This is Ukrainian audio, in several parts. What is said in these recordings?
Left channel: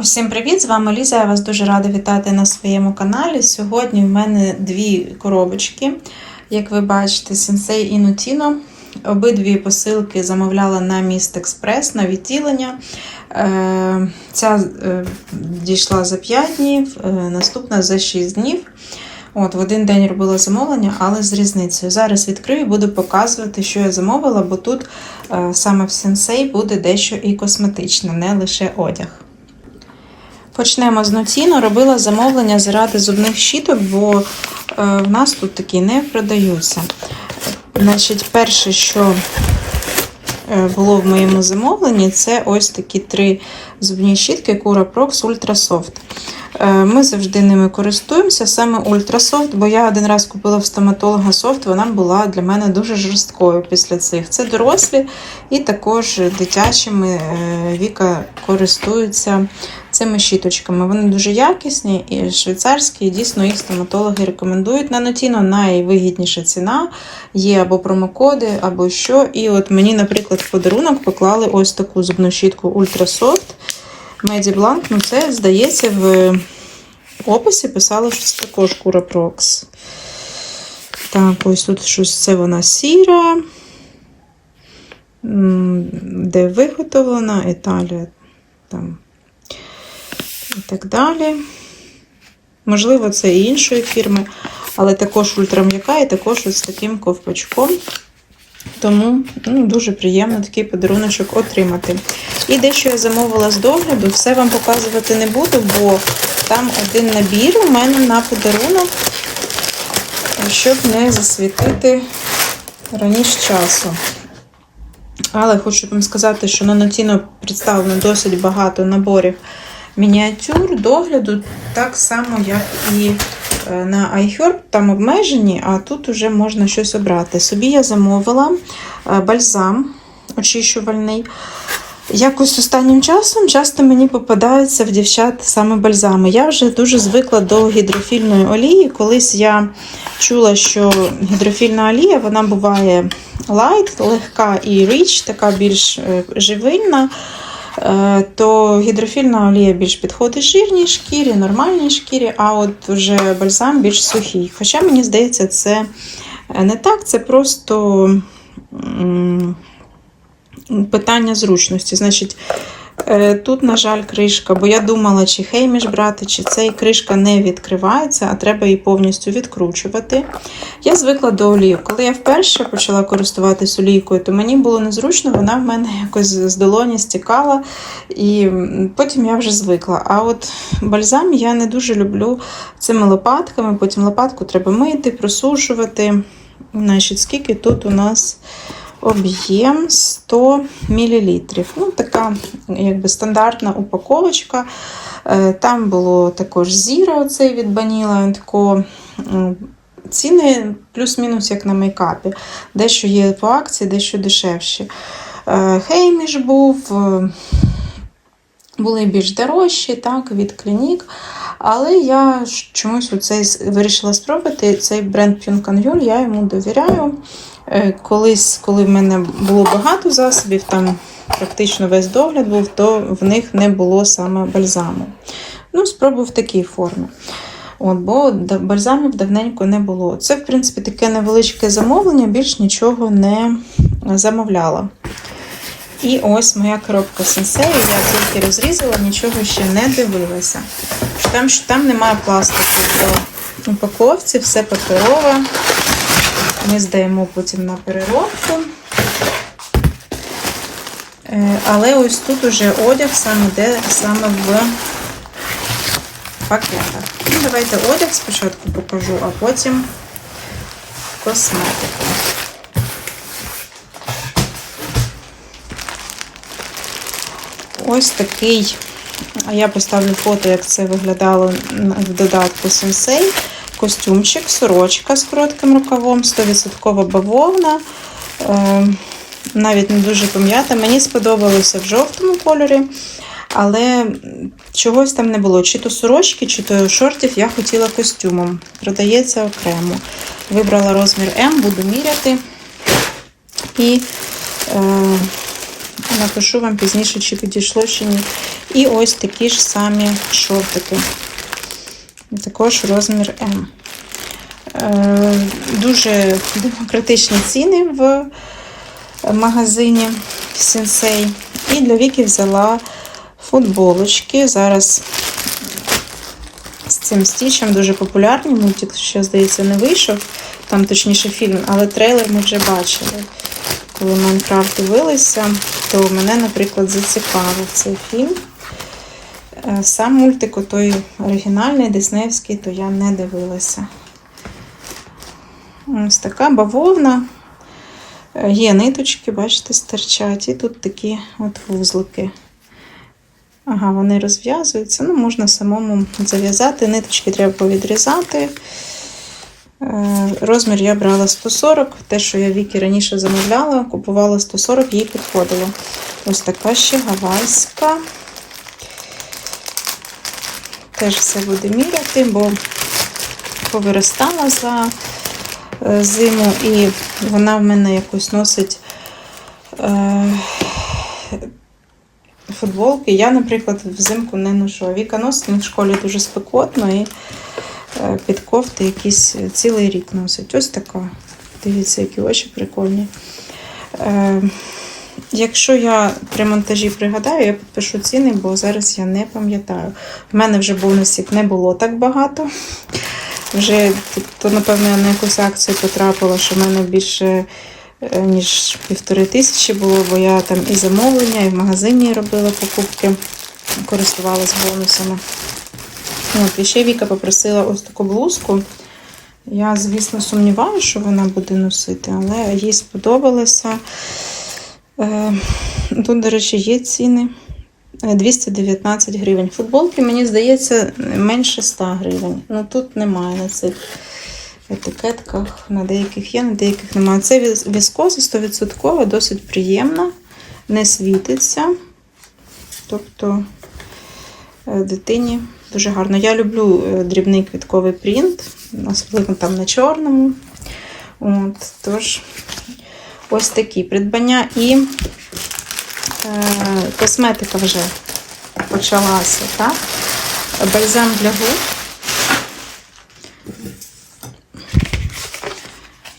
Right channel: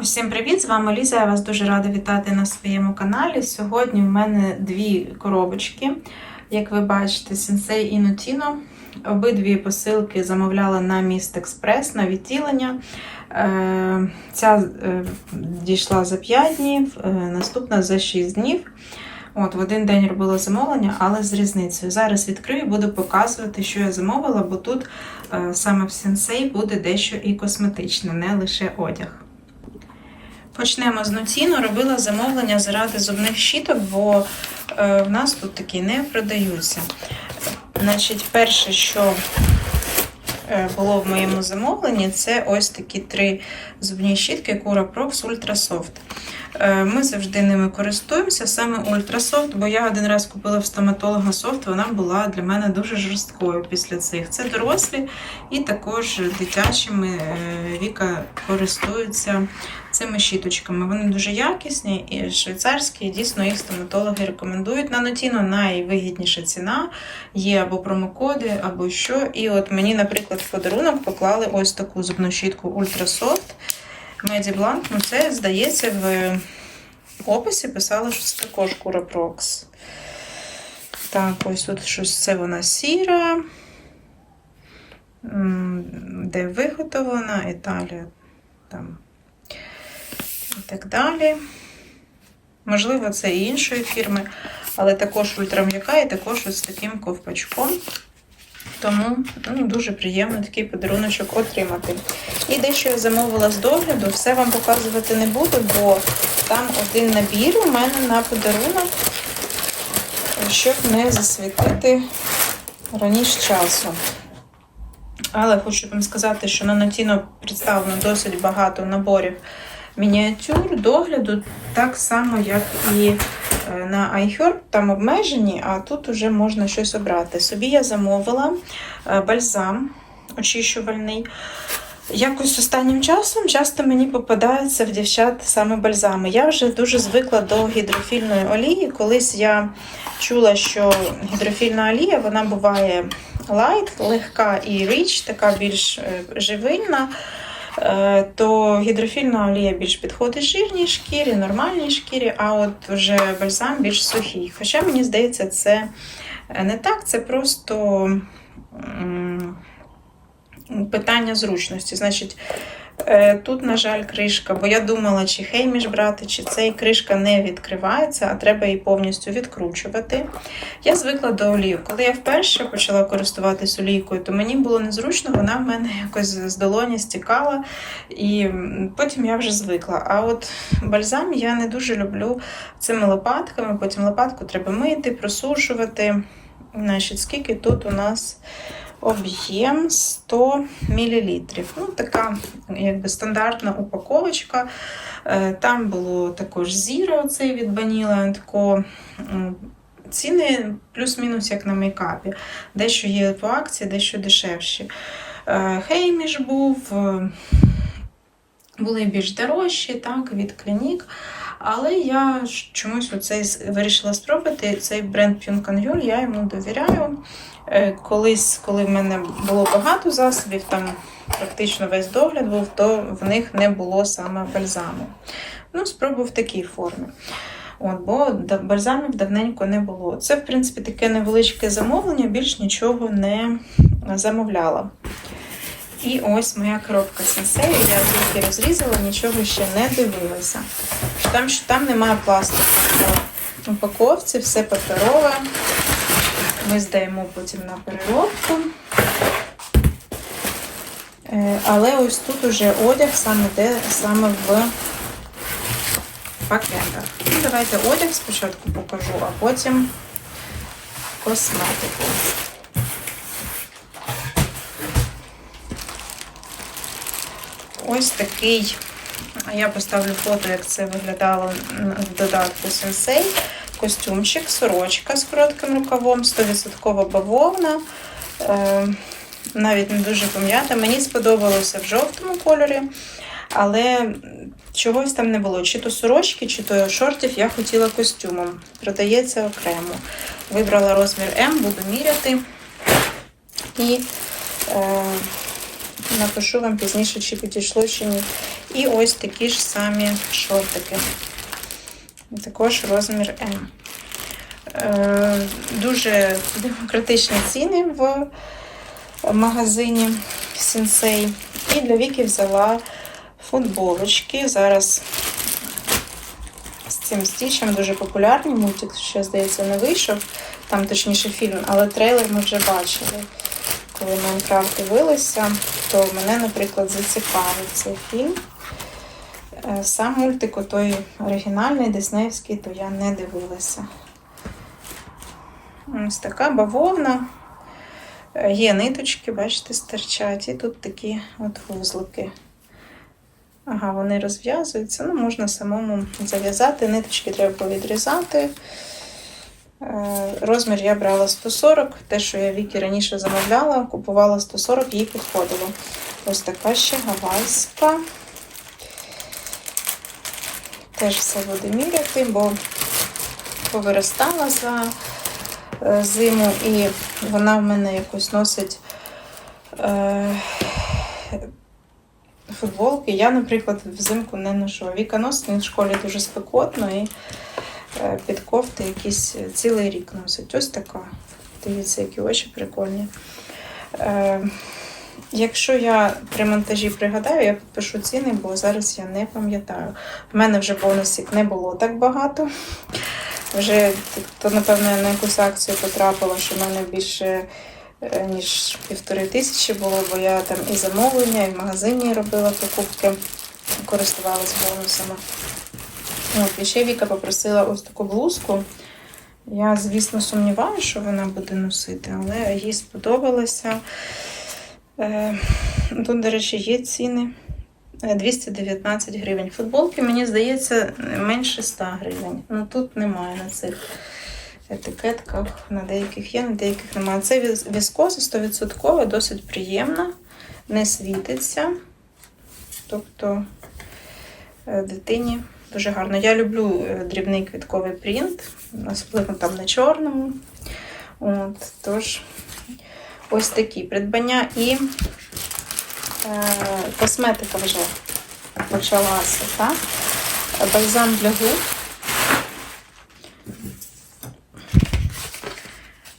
Усім привіт! З вами Ліза. Я вас дуже рада вітати на своєму каналі. Сьогодні в мене дві коробочки. Як ви бачите, Sensei і Nutino. Обидві посилки замовляла на міст Експрес на відділення. Е, Ця е, дійшла за 5 днів, е, наступна за 6 днів. От, В один день робила замовлення, але з різницею. Зараз відкрию і буду показувати, що я замовила, бо тут саме в Sensei буде дещо і косметичне, не лише одяг. Почнемо з Нотіно. Робила замовлення заради зубних щіток, бо е, в нас тут такі не продаються. Значить, перше, що е, було в моєму замовленні, це ось такі три зубні щітки Cura Prox Ultra Soft. Е, Ми завжди ними користуємося, саме Ультрасофт, бо я один раз купила в стоматолога софт, вона була для мене дуже жорсткою після цих. Це дорослі і також дитячими Віка користуються цими щіточками. Вони дуже якісні і швейцарські, і дійсно їх стоматологи рекомендують. На Notino найвигідніша ціна, є або промокоди, або що. І от мені, наприклад, в подарунок поклали ось таку зубну щітку Ультрасофт. Меді Бланк, ну це, здається, в описі писало, що це також Prox. Так, ось тут щось це вона сіра. Де виготовлена, Італія там. І так далі. Можливо, це і іншої фірми, але також ультрам'яка і також ось таким ковпачком. Тому ну, дуже приємно такий подаруночок отримати. І дещо я замовила з догляду, все вам показувати не буду, бо там один набір у мене на подарунок, щоб не засвітити раніше часу. Але хочу вам сказати, що на Notino представлено досить багато наборів мініатюр, догляду, так само, як і е, на iHerb, там обмежені, а тут вже можна щось обрати. Собі я замовила е, бальзам очищувальний. Якось останнім часом часто мені попадаються в дівчат саме бальзами. Я вже дуже звикла до гідрофільної олії. Колись я чула, що гідрофільна олія вона буває лайт, легка і річ, така більш е, живильна. Е, То гідрофільна олія більш підходить жирній шкірі, нормальній шкірі, а от вже бальзам більш сухий. Хоча мені здається, це не так, це просто питання зручності. Значить, е, тут, на жаль, кришка, бо я думала, чи хейміш брати, чи цей кришка не відкривається, а треба її повністю відкручувати. Я звикла до олії. Коли я вперше почала користуватись олійкою, то мені було незручно, вона в мене якось з долоні стікала, і потім я вже звикла. А от бальзам я не дуже люблю цими лопатками, потім лопатку треба мити, просушувати. Значить, скільки тут у нас об'єм 100 мл. Ну, така якби стандартна упаковочка. Е, Там було також зіра оцей від Vanilla Co. Ціни плюс-мінус як на мейкапі. Дещо є по акції, дещо дешевші. Е, Хейміш був, е, були більш дорожчі, так, від клінік. Але я чомусь оцей вирішила спробувати цей бренд Pune я йому довіряю. Е, Колись, коли в мене було багато засобів, там практично весь догляд був, то в них не було саме бальзаму. Ну, спробую в такій формі. От, бо бальзамів давненько не було. Це, в принципі, таке невеличке замовлення, більш нічого не замовляла. І ось моя коробка сенсею. Я тільки розрізала, нічого ще не дивилася. Там, що там немає пластику по упаковці, все паперове. Ми здаємо потім на переробку. Е, Але ось тут уже одяг саме де саме в пакетах. Ну, Давайте одяг спочатку покажу, а потім косметику. Ось такий, а я поставлю фото, як це виглядало в додатку Sensei. Костюмчик, сорочка з коротким рукавом, 100% бавовна. Е, навіть не дуже пом'ята. Мені сподобалося в жовтому кольорі, але чогось там не було. Чи то сорочки, чи то шортів я хотіла костюмом. Продається окремо. Вибрала розмір М, буду міряти. І е, напишу вам пізніше, чи підійшло, чи ні. І ось такі ж самі шортики. Також розмір М. Е, Дуже демократичні ціни в магазині Сенсей. І для Віки взяла футболочки. Зараз з цим стічем дуже популярні. Мені тільки що, здається, не вийшов. Там точніше фільм, але трейлер ми вже бачили. Коли Майнкрафт дивилися, то мене, наприклад, зацікавив цей фільм. Сам мультик, той оригінальний, диснеївський, то я не дивилася. Ось така бавовна. Є ниточки, бачите, стирчать. І тут такі от вузлики. Ага, вони розв'язуються. Ну, можна самому зав'язати. Ниточки треба повідрізати. Е, Розмір я брала 140. Те, що я Вікі раніше замовляла, купувала 140, їй підходило. Ось така ще гавайська. Теж все буду міряти, бо повиростала за е, зиму і вона в мене якось носить е, футболки. Я, наприклад, взимку не ношу. Віка носить, в школі дуже спекотно і е, під кофти якісь цілий рік носить. Ось така. Дивіться, які очі прикольні. Е, Якщо я при монтажі пригадаю, я підпишу ціни, бо зараз я не пам'ятаю. В мене вже бонусів не було так багато. Вже то, напевно, на якусь акцію потрапила, що в мене більше е, ніж півтори тисячі було, бо я там і замовлення, і в магазині робила покупки, користувалась бонусами. От, і ще Віка попросила ось таку блузку. Я, звісно, сумніваюся, що вона буде носити, але їй сподобалося. Е, Тут, до речі, є ціни. Е, 219 гривень. Футболки, мені здається, менше 100 гривень. Ну тут немає на цих етикетках. На деяких є, на деяких немає. Це віс- віскоза 100%, досить приємна, не світиться. Тобто е, дитині дуже гарно. Я люблю е, дрібний квітковий принт, особливо там на чорному. От, тож, ось такі придбання і е, косметика вже почалася, так? Бальзам для губ.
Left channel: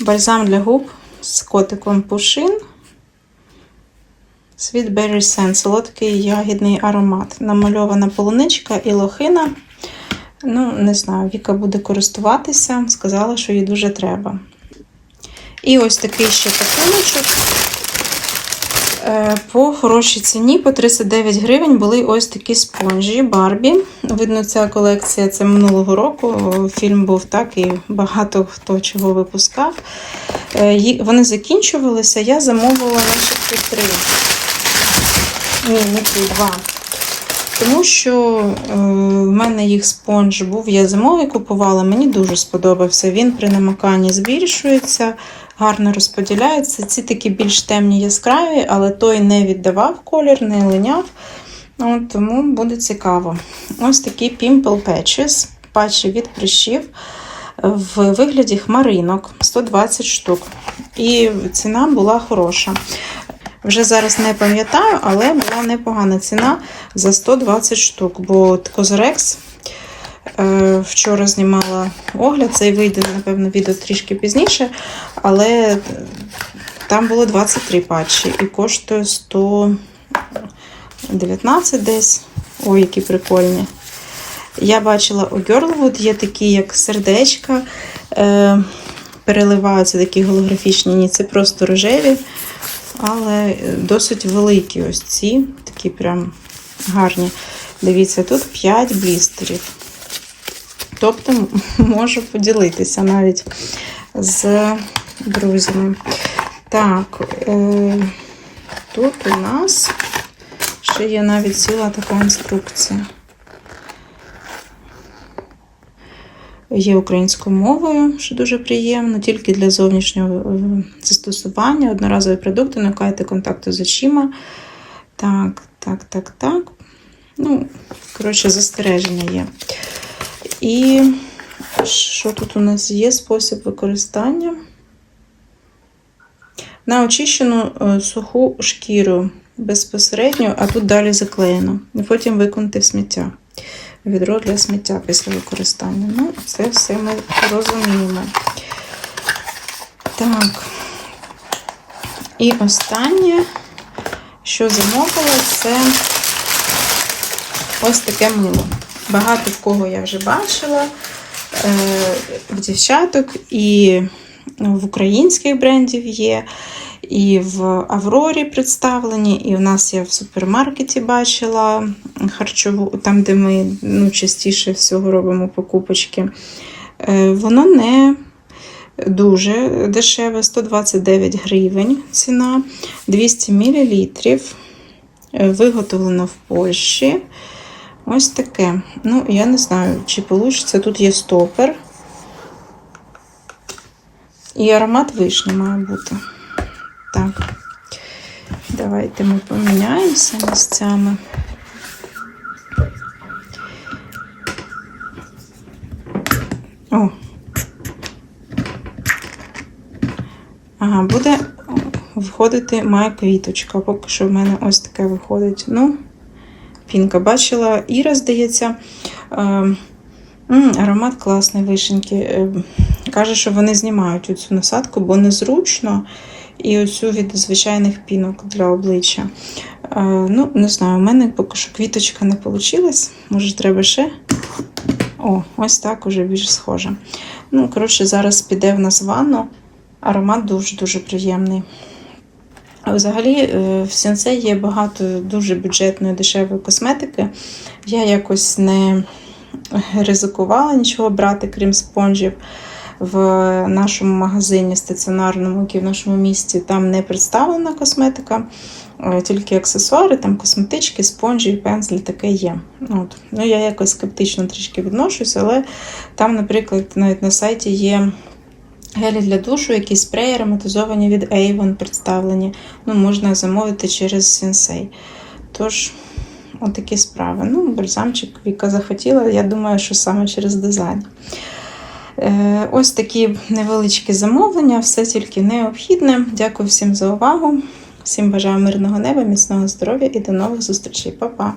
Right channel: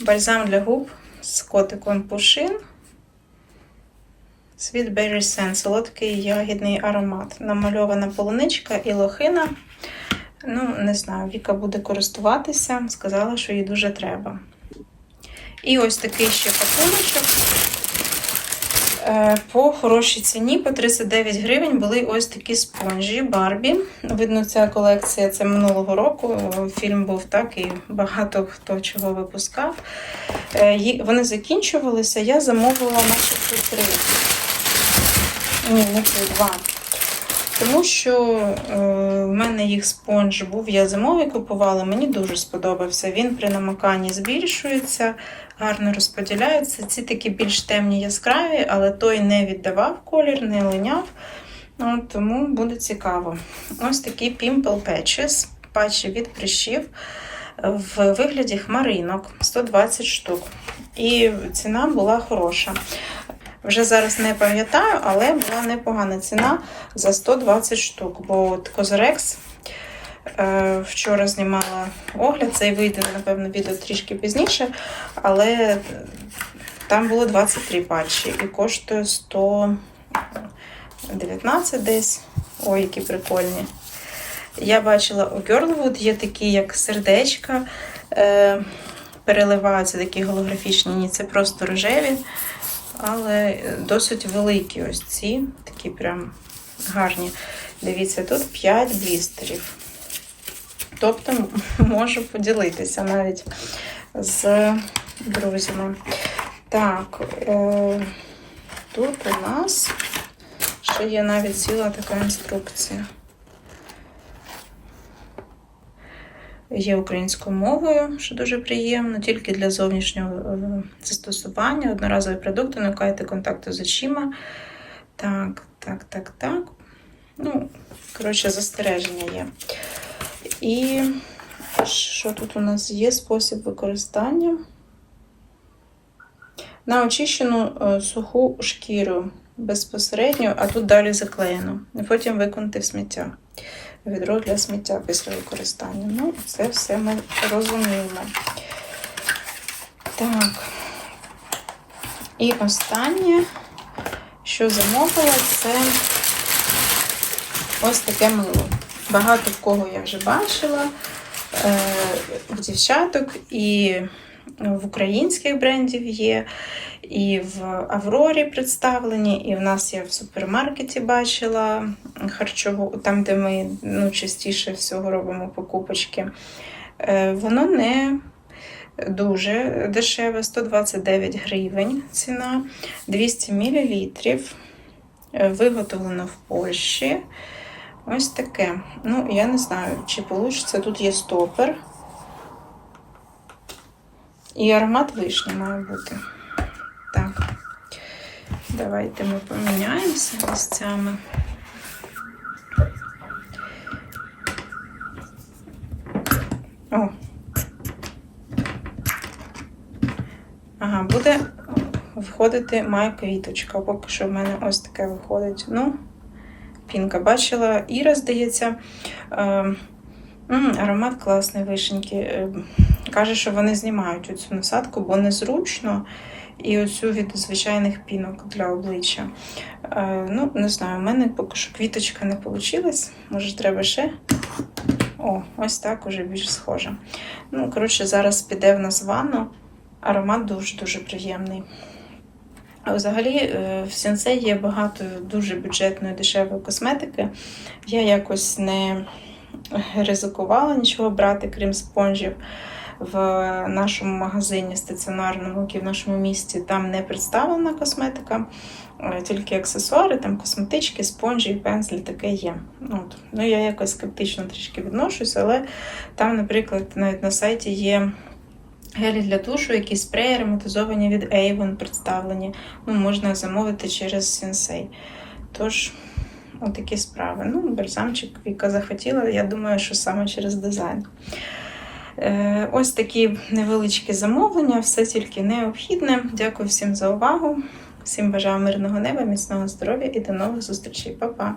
Бальзам для губ з котиком Пушин. Sweet Berry Scent, солодкий ягідний аромат. Намальована полуничка і лохина. Ну, не знаю, Віка буде користуватися. Сказала, що їй дуже треба. І ось такий ще пакуночок. Е, По хорошій ціні, по 39 гривень, були ось такі спонжі Барбі. Видно, ця колекція це минулого року. Фільм був так і багато хто чого випускав. Е, Вони закінчувалися, я замовила три. Ні, не три, два. Тому що е, в мене їх спонж був, я зимовий купувала, мені дуже сподобався. Він при намиканні збільшується, гарно розподіляється. Ці такі більш темні яскраві, але той не віддавав колір, не линяв. От, тому буде цікаво. Ось такі Pimple Patches, патчі від прищів в вигляді хмаринок 120 штук. І ціна була хороша. Вже зараз не пам'ятаю, але була непогана ціна за 120 штук. Бо Козорекс е, вчора знімала огляд, цей вийде, напевно, відео трішки пізніше, але там було 23 патчі і коштує 119 десь. Ой, які прикольні. Я бачила у Girlwood є такі, як сердечка, е, переливаються такі голографічні, ні, це просто рожеві, але досить великі ось ці, такі прям гарні. Дивіться, тут 5 блістерів. Тобто можу поділитися навіть з друзями. Так, е, тут у нас ще є навіть ціла така інструкція. Є українською мовою, що дуже приємно, тільки для зовнішнього е, застосування. Одноразові продукти, уникайте контакту з очима. Так, так, так, так. Ну, коротше, застереження є. І що тут у нас є? Спосіб використання. На очищену е, суху шкіру безпосередньо, а тут далі заклеєно. І потім виконати сміття. Відро для сміття після використання. Ну, це все ми розуміємо. Так. І останнє, що замовила, це ось таке мило. Багато в кого я вже бачила. Е, в дівчаток і в українських брендів є, і в Аврорі представлені, і в нас я в супермаркеті бачила харчову, там, де ми ну, частіше всього робимо покупочки. Е, Воно не дуже дешеве, 129 гривень ціна, 200 мл. Виготовлено в Польщі. Ось таке. Ну, я не знаю, чи вийде. Тут є стопер. І аромат вишні має бути. Так. Давайте ми поміняємося місцями. О. Ага, буде виходити моя квіточка. Поки що в мене ось таке виходить. Ну, Пінка бачила, Іра, здається. Е, аромат класний вишеньки. Е, каже, що вони знімають цю насадку, бо незручно. І оцю від звичайних пінок для обличчя. Е, ну, не знаю, у мене поки що квіточка не вийшла. Може, треба ще. О, ось так уже більш схоже. Ну, коротше, зараз піде в нас ванну. Аромат дуже-дуже приємний. А взагалі е, в Сенсей є багато дуже бюджетної дешевої косметики. Я якось не ризикувала нічого брати, крім спонжів. В нашому магазині стаціонарному, який в нашому місті, там не представлена косметика, е, тільки аксесуари, там косметички, спонжі, пензлі таке є. От. Ну, я якось скептично трішки відношусь, але там, наприклад, навіть на сайті є гелі для душу, які спреї ароматизовані від Avon представлені. Ну, можна замовити через Sensei. Тож, отакі справи. Ну, бальзамчик Віка захотіла, я думаю, що саме через дизайн. Е, Ось такі невеличкі замовлення, все тільки необхідне. Дякую всім за увагу. Всім бажаю мирного неба, міцного здоров'я і до нових зустрічей. Па-па!